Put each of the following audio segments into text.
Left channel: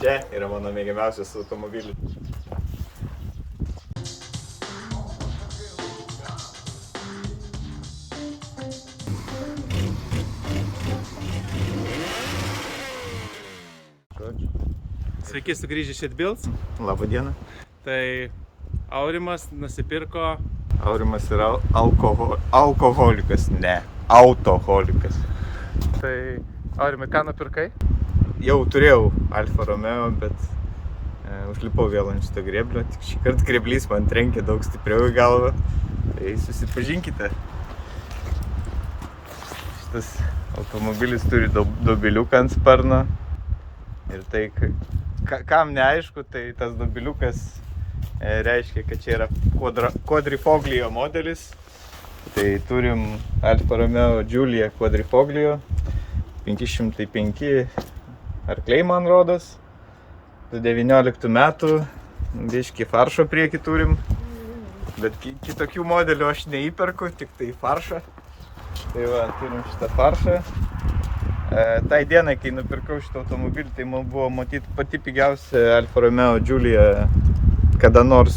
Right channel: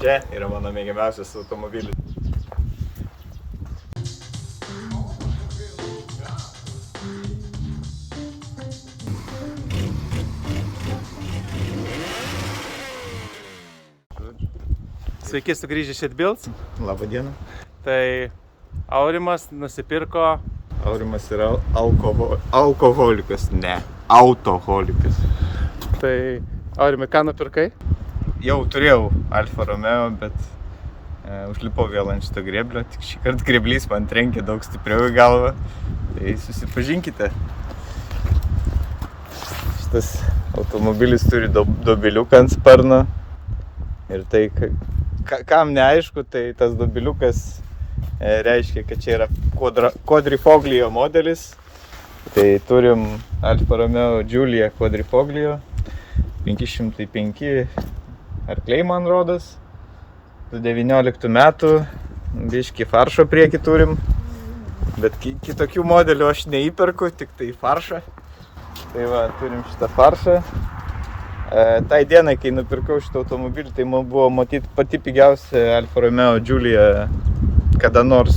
Čia yra mano mėgiamiausias automobilis. Sveiki sugrįžę iš Atbilts. Labą dieną. Tai Aurimas nusipirko... Aurimas yra alkoholikas, ne, autoholikas. Tai Aurimai, ką nupirkai? Jau turėjau Alfa Romeo, bet užlipau vėl ant šito grėblio. Tik šį kartą grėblys man trenkė daug stipriau į galvą. Tai susipažinkite. Šitas automobilis turi dobiliuką ant sparno. Ir tai, kam neaišku, tai tas dobiliukas reiškia, kad čia yra quadrifoglio modelis. Tai turim Alfa Romeo Giulia quadrifoglio, 505 arkliai man rodos, 19 metų, biškį faršo priekį turim, bet kitokių modelių aš neįperku, tik tai faršą. Tai va, turim šitą faršą. Tai dienai, kai nupirkau šitą automobilį, tai man buvo matyti pati pigiausia Alfa Romeo Giulia kada nors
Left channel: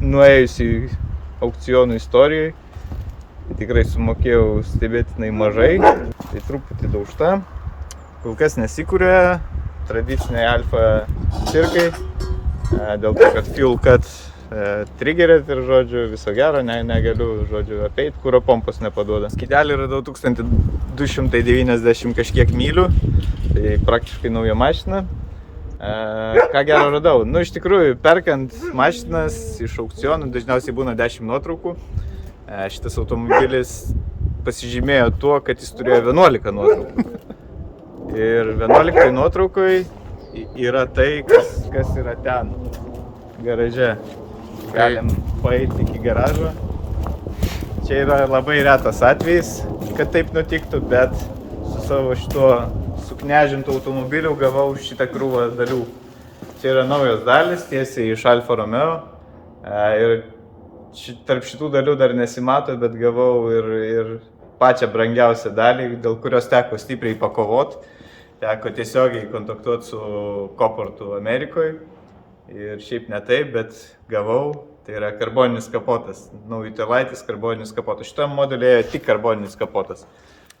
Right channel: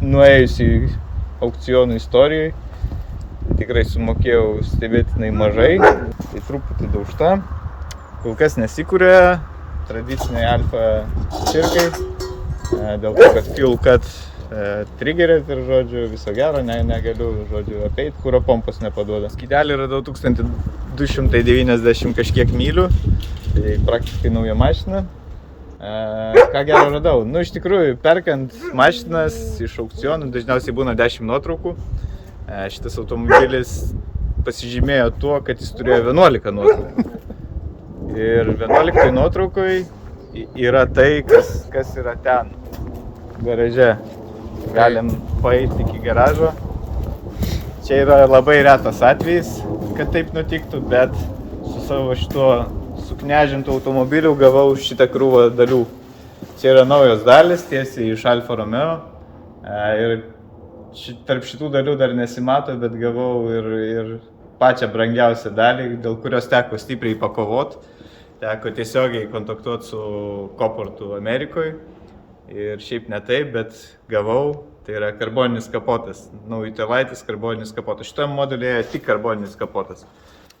nuėjusi aukcionų istorijoje. Tikrai sumokėjau stebėtinai mažai, tai truputį daužta. Kol kas nesikūrė tradiciniai Alfa cirkai, dėl to, kad fuel cut triggerėt ir, žodžiu, viso gero, negaliu, žodžiu, apeit, kuro pompos nepaduoda. Skydelį radau 1290 kažkiek mylių, tai praktiškai nauja mašina. Ką gero radau? Nu, iš tikrųjų, perkant mašinas iš aukcionų dažniausiai būna 10 nuotraukų. Šitas automobilis pasižymėjo tuo, kad jis turėjo 11 nuotraukų. Ir 11 nuotraukai yra tai, kas yra ten, garaže. Galim paeiti iki garažo. Čia yra labai retas atvejis, kad taip nutiktų, bet su savo šituo suknežintų automobiliu gavau šitą krūvą dalių. Čia yra naujos dalis, tiesiai iš Alfa Romeo. Ir tarp šitų dalių dar nesimato, bet gavau ir pačią brangiausią dalį, dėl kurios teko stipriai pakovot. Teko tiesiogiai kontaktuoti su Coportu Amerikoje. Ir šiaip ne taip, bet gavau, tai yra karboninis kapotas. Utilaitis karboninis kapotas. Šitam modelėje tik karboninis kapotas.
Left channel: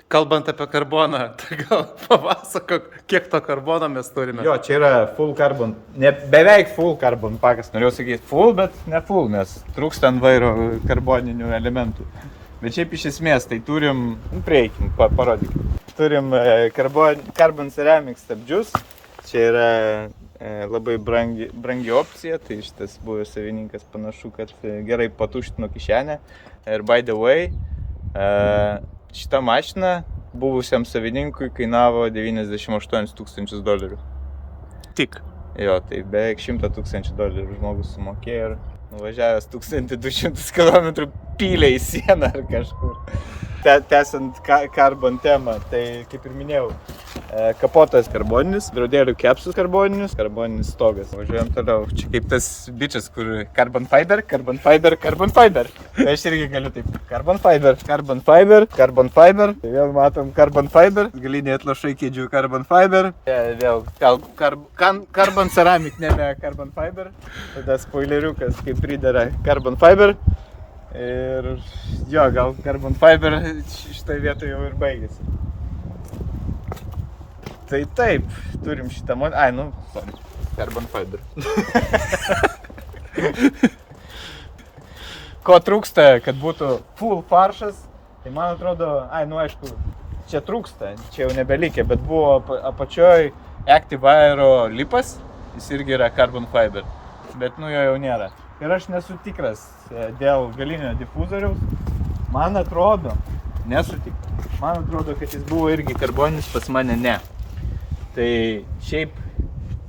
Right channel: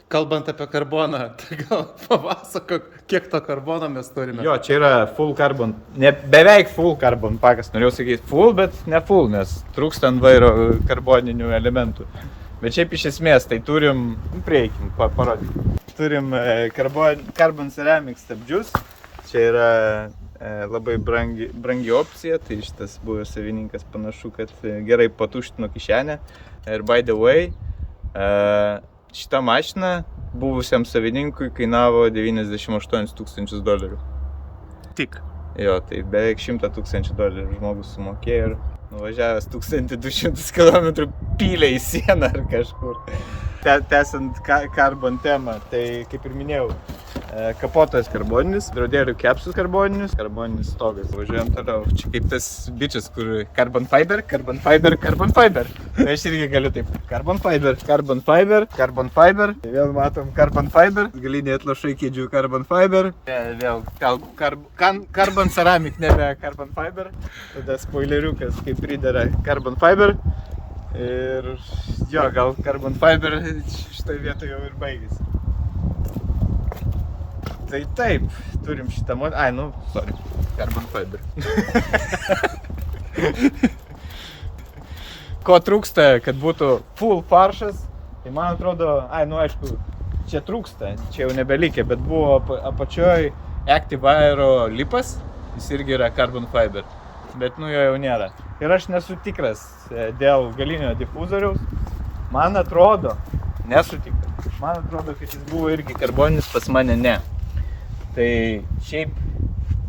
Kalbant apie karboną, tai gal papasakok, kiek to karbono mes turime? Jo, čia yra full carbon, beveik full carbon pakas. Norėjau sakyti full, bet ne full, nes trūksta ant vairo karboninių elementų. Bet šiaip iš esmės, tai turim, prieikim, parodykim. Turim carbon ceramic stabdžius. Čia yra labai brangi opcija, tai šitas buvęs savininkas panašu, kad gerai patuštino kišenę. Ir by the way, šita mašina buvusiam savininkui kainavo $98 000. Tik. Jo, tai beveik $100 000 žmogus sumokėjo ir nuvažiavęs 1200 km pylė į sieną ar kažkur. Tęsiant karbon temą, tai kaip ir minėjau, kapotas karboninis, draudėlių kepsus karboninis stogas. Važiuojam toliau. Čia kaip tas bičias, kur carbon fiber. Tai aš irgi galiu taip. Carbon fiber. Tai vėl matom carbon fiber. Galiniai atlašai kėdžių carbon fiber. Vėl carbon ceramic, nebe carbon fiber. Tada spoileriukas, kaip pridera carbon fiber. Ir jo, gal carbon fiber šitai vietoj jau ir baigėsi. Tai taip, turim šitą modelį. Carbon fiber. Ko trūksta, kad būtų full faršas, tai man atrodo, aišku, čia trūksta, čia jau nebelikė, bet buvo apačioj Active Aero lipas, jis irgi yra carbon fiber, bet jo jau nėra. Ir aš nesu tikras dėl galinio difuzoriaus. Man atrodo, kad jis buvo irgi karboninis, pats mane ne. Tai šiaip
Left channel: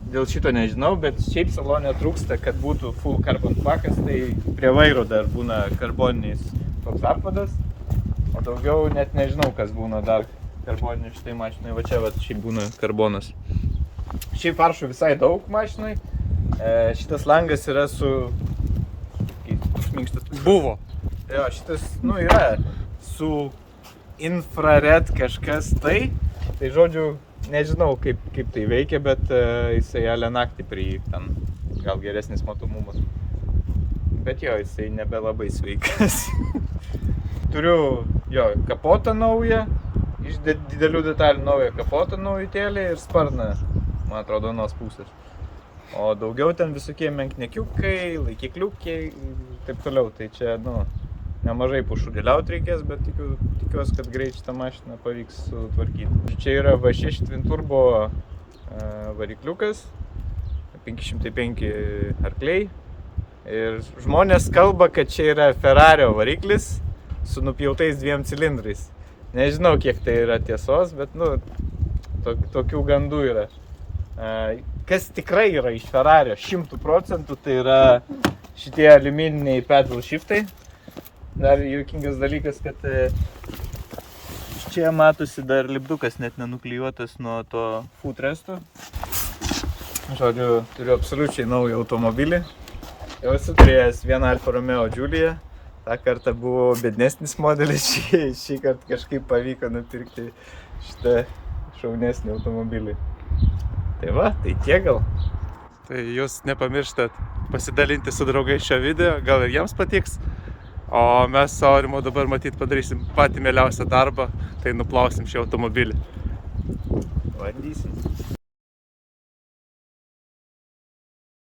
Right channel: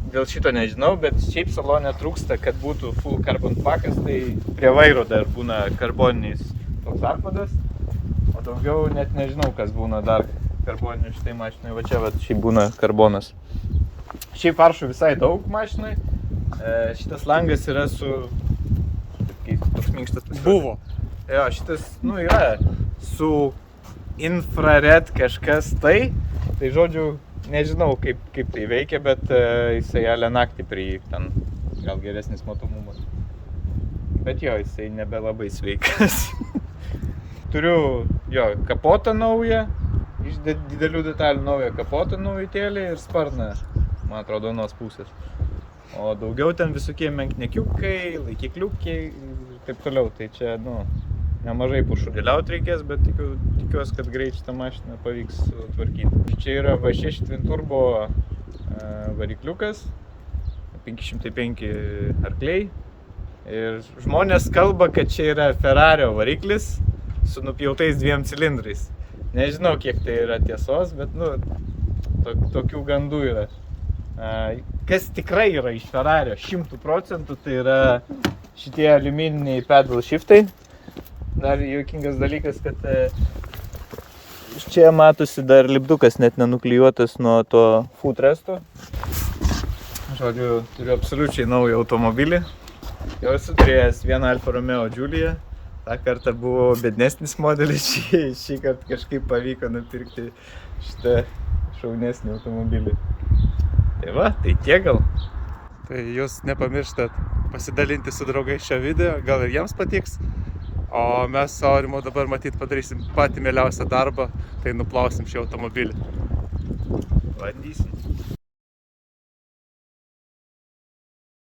dėl šito nežinau, bet šiaip salone trūksta, kad būtų full carbon pakas, tai prie vairo dar būna karboninis toks apvadas, o daugiau net nežinau, kas būna dar karboninių šitai mašinai. Va čia šiaip būna karbonas. Šiaip faršų visai daug mašinai. Šitas langas yra su... Toks minkštas. Buvo. Jo, šitas, yra su infrared kažkas tai žodžiu, nežinau kaip tai veikia, bet jisai ale naktį prie jį, ten gal geresnis matomumas. Bet jo, jisai nebelabai sveikas. Turiu jo kapotą naują, iš didelių detalių naują kapotą naujutėlį ir sparną, man atrodo, nuos pusės. O daugiau ten visokie menknekiukai, laikikliukai ir taip toliau. Tai čia, nemažai pušudėliauti reikės, bet tikiuosi, kad greit šitą mašiną pavyks sutvarkyti. Čia yra V6 Twin Turbo varikliukas, 505 arkliai. Ir žmonės kalba, kad čia yra Ferrario variklis su nupjautais 2 cilindrais. Nežinau, kiek tai yra tiesos, bet, tokių gandų yra. Kas tikrai yra iš Ferrario 100%, tai yra šitie aliumininiai pedal shiftai. Dar juokingas dalykas, kad iš čia matosi dar lipdukas net nenuklijuotas nuo to footresto. Žodžiu, turiu absoliučiai naują automobilį. Jau esu turėjęs vieną Alfa Romeo Giulia. Ta kartą buvo bednesnis modelis, šį kartą kažkaip pavyko nupirkti šitą šaunesnį automobilį. Tai va, tai tiek gal. Tai jūs nepamirštat pasidalinti su draugais šio video, gal ir jiems patiks. O mes su Aurimu dabar matyt padarysim patį mieliausią darbą, tai nuplausim šį automobilį. Bandysim.